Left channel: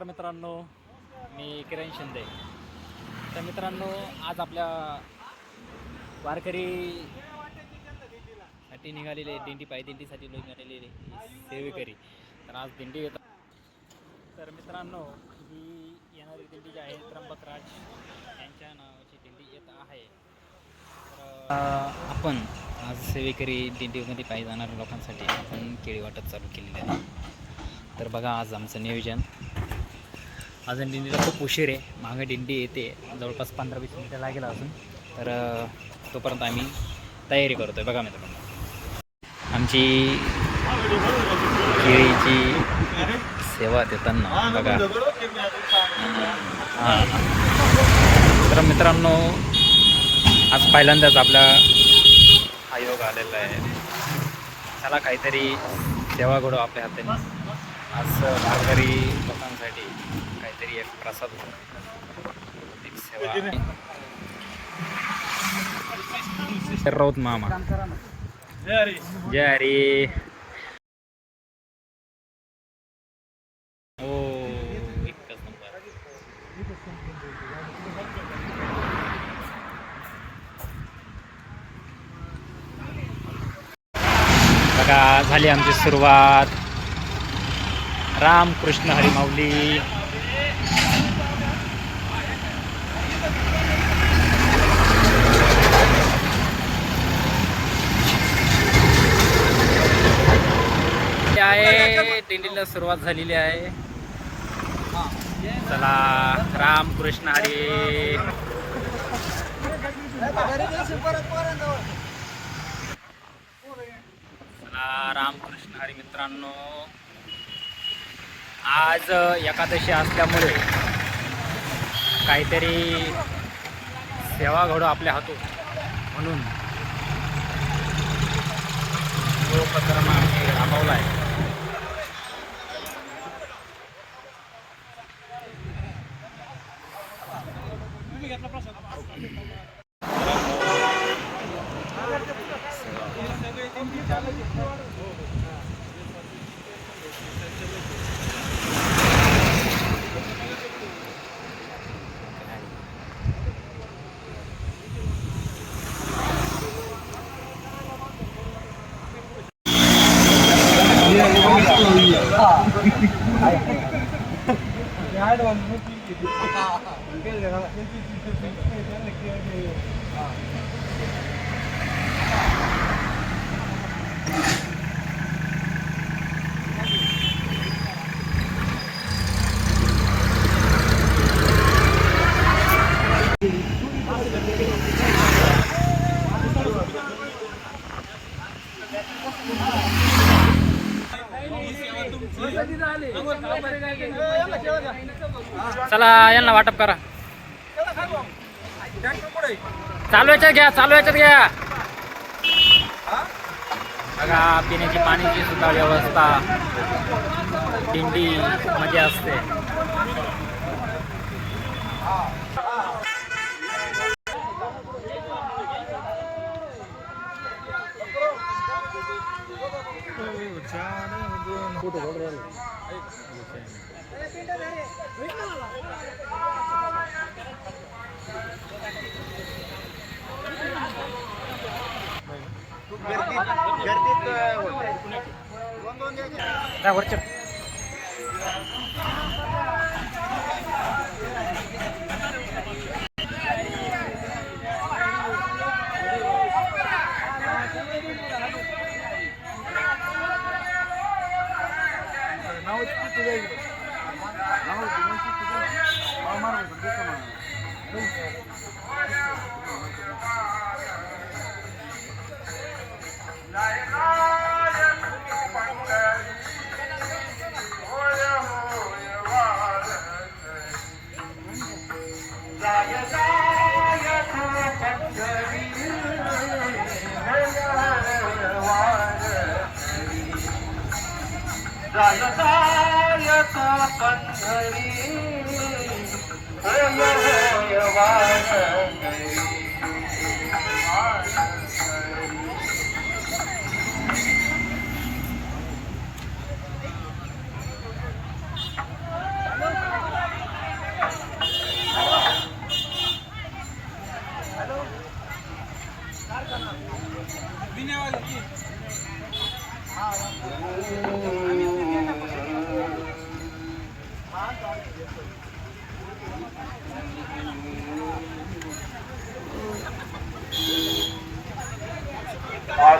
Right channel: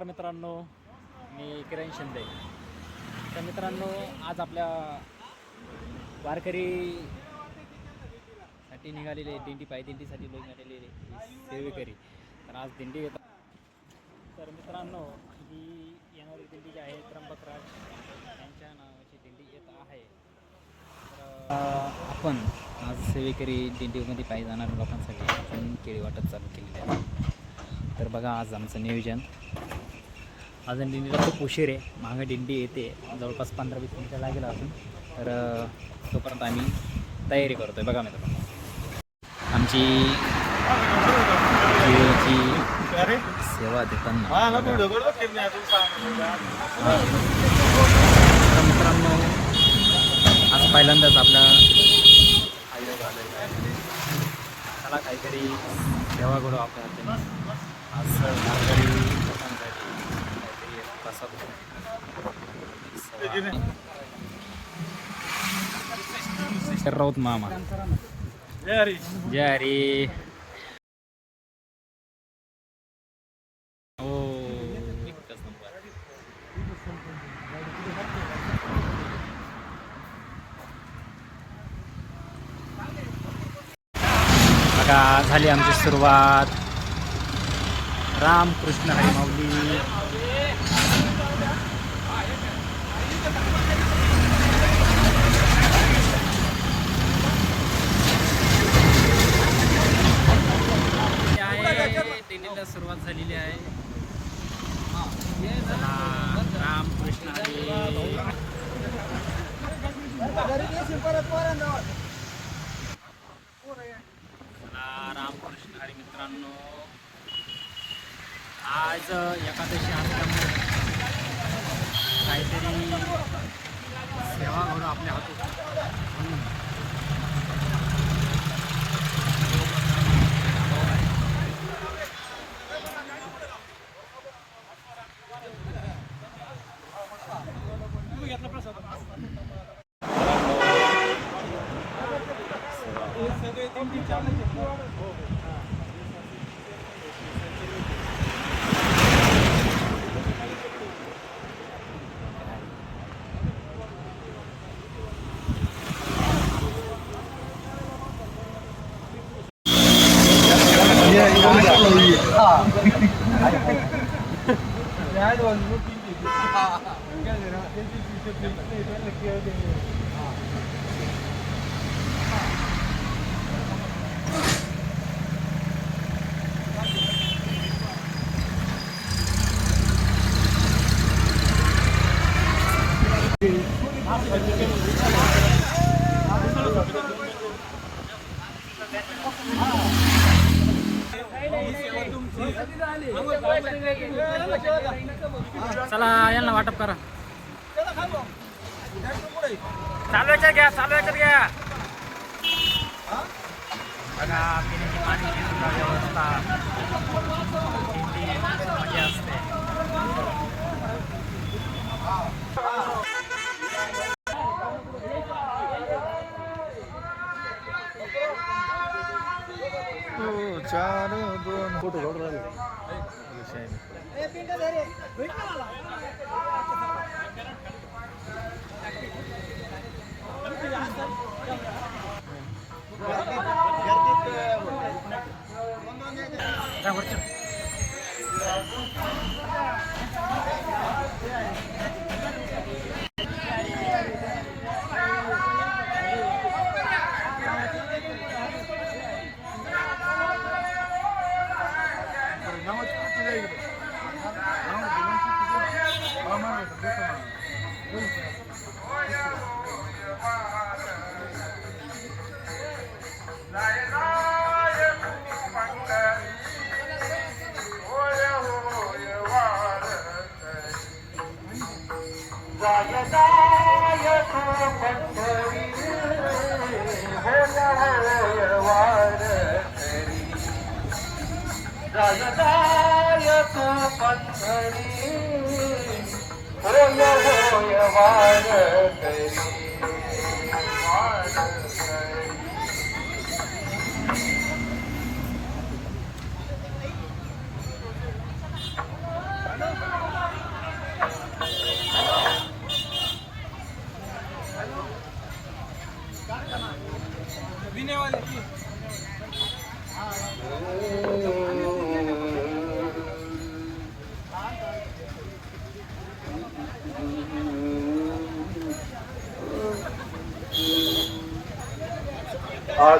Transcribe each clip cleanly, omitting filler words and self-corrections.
नमस्कार मित्रांनो, मी किरण शिंदे. तर मित्रांनो, आज आपल्या वारकरीसाठी निघालेले दिंडी दिंडीसाठी लोक निघालेले सेवेकरी. तर आज दिंडी येतात. तर मित्रांनो, ही येणारी दिंडी जी आहे त्र्यंबकराज यांच्या नावाची दिंडी येत आहे. तर आपण आज सेवेकरी दिंडीमध्ये पायी जाणाऱ्या लोकांसाठी आपण केळी वाटप चालू केलेली आहे. तर बघा आज आमचं नियोजन. अजून दिंडीला खूप उशीर आहे, मागं दिंडी येते, जवळपास 15-20 मिनिटं लागेल अजून. तर तोपर्यंत आम्ही तयारी करतोय. बघा मित्रांनो, आमची केळीची सेवा देताना बघा. तर मित्रांनो, आज पहिल्यांदाच आपला आयोग आलेला आहे. त्याला काहीतरी सेवा घडू आपल्या हाताने. आज वारकरी लोकांसाठी काहीतरी एक प्रसाद, एक सेवा. राऊत मामा जय हरी. हो, एकच नंबर. बघा, झाली आमची सुरुवात. राम कृष्ण हरी माऊली. दिंडीला सुरुवात झालेली आहे. चला, राम कृष्ण हरी. राम कृष्ण हरी. मित्रांनो, आज एकादशी असल्यामुळे काहीतरी सेवा घडू आपल्या हातून, म्हणून जो उपक्रम आम्ही राबवला आहे. चला, यांना वाटप करा. चालू याच्यात घ्या, चालू याच्यात घ्या. बघा, पिण्याची पाण्याची सुद्धा व्यवस्था दिंडी मध्ये असते.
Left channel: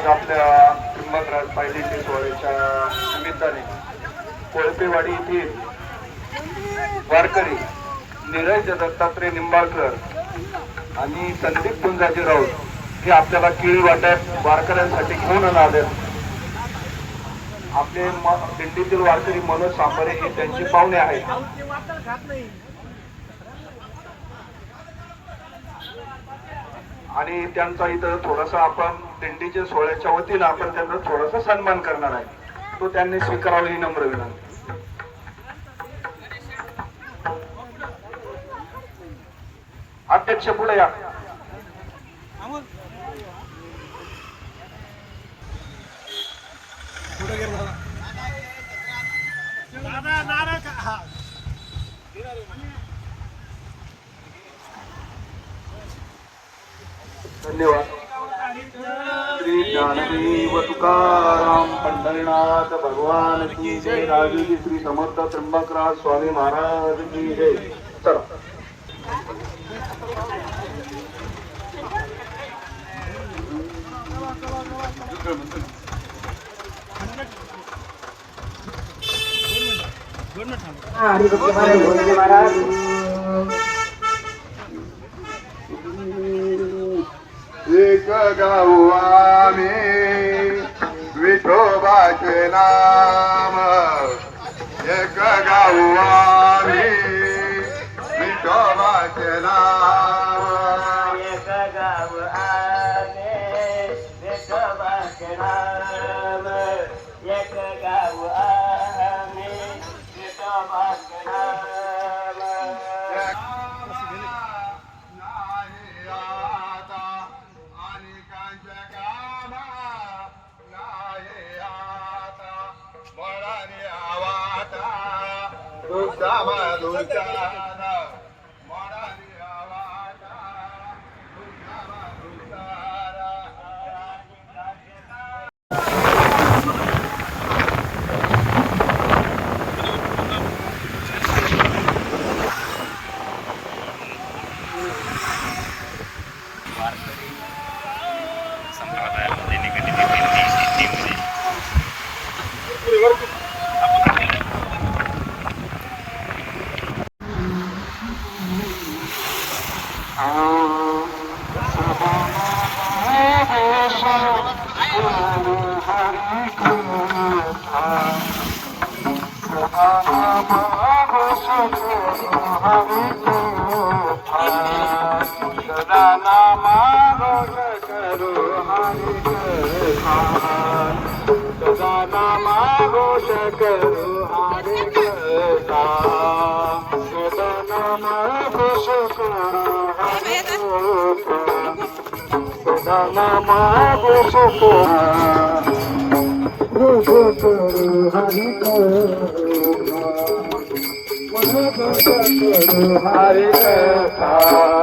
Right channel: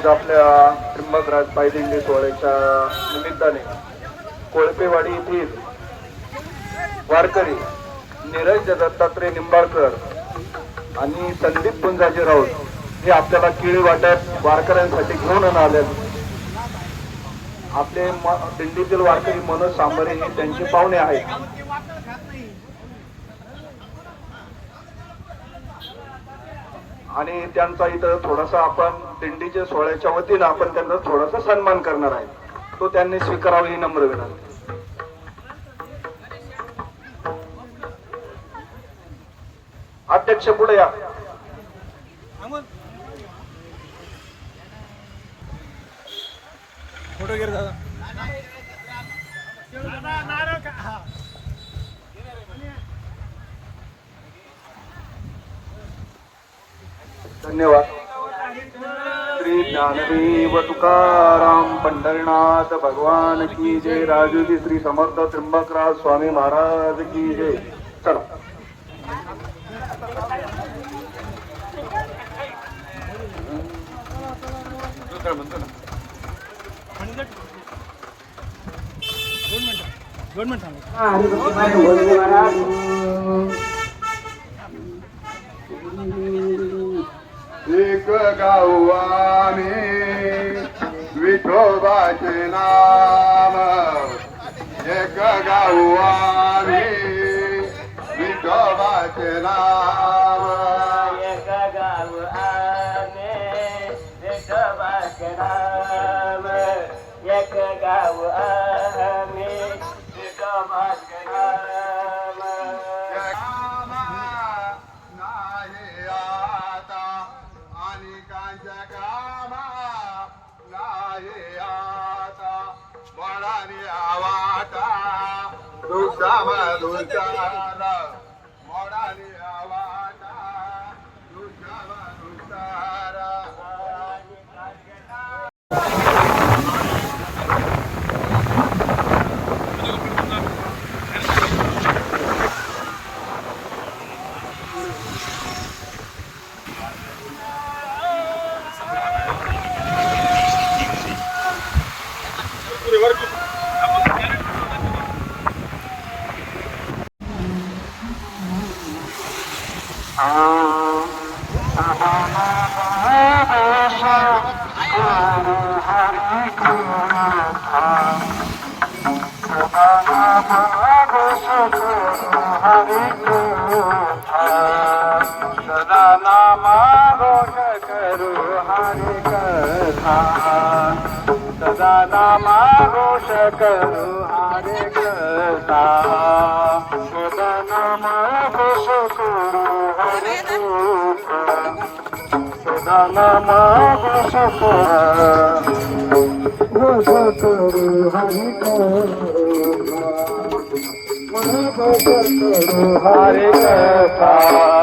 आज आपल्या त्र्यंबकराज पायदिंडी सोहळ्याच्या निमित्ताने कोळपेवाडी येथील वारकरी निरंजन दत्तात्रय निंबाळकर आणि संदीप गुंजाजी राऊत हे आपल्याला केळी वाटप वारकऱ्यांसाठी घेऊन आले. आपले दिंडीतील वारकरी मनोज सांबरे हे त्यांचे पाहुणे आहेत. आणि त्यांचा इथं थोडासा आपण दिंडीच्या सोहळ्याच्या वतीनं आपण त्यांचा थोडासा सन्मान करणार आहे. तो त्यांनी स्वीकारावा ही नम्र विनंती. अध्यक्ष पुढे या. धन्यवाद. श्री ज्ञानदेव तुकाराम पंढरीनाथ भगवान की जय. राजूजी श्री समर्थ त्र्यंबकराज स्वामी महाराज की जय. चला. एक गाऊ आम्ही विठोबाचे नाम, एक गाऊ आम्ही विठोबाचे नाम, एक गाऊ आम्ही विठोबाचे नाम, एक गाऊ आम्ही विठोबाचे नाम. संप्रदायामध्ये निगडीत दिंडीमध्ये सदा नामा घोष करू हरि कथा, सदा नामा घोष करू हरि कथा, सदा नामा घोष करू हरि कथा, सदा नामा घोष करू हरि कथा, हरि कथा.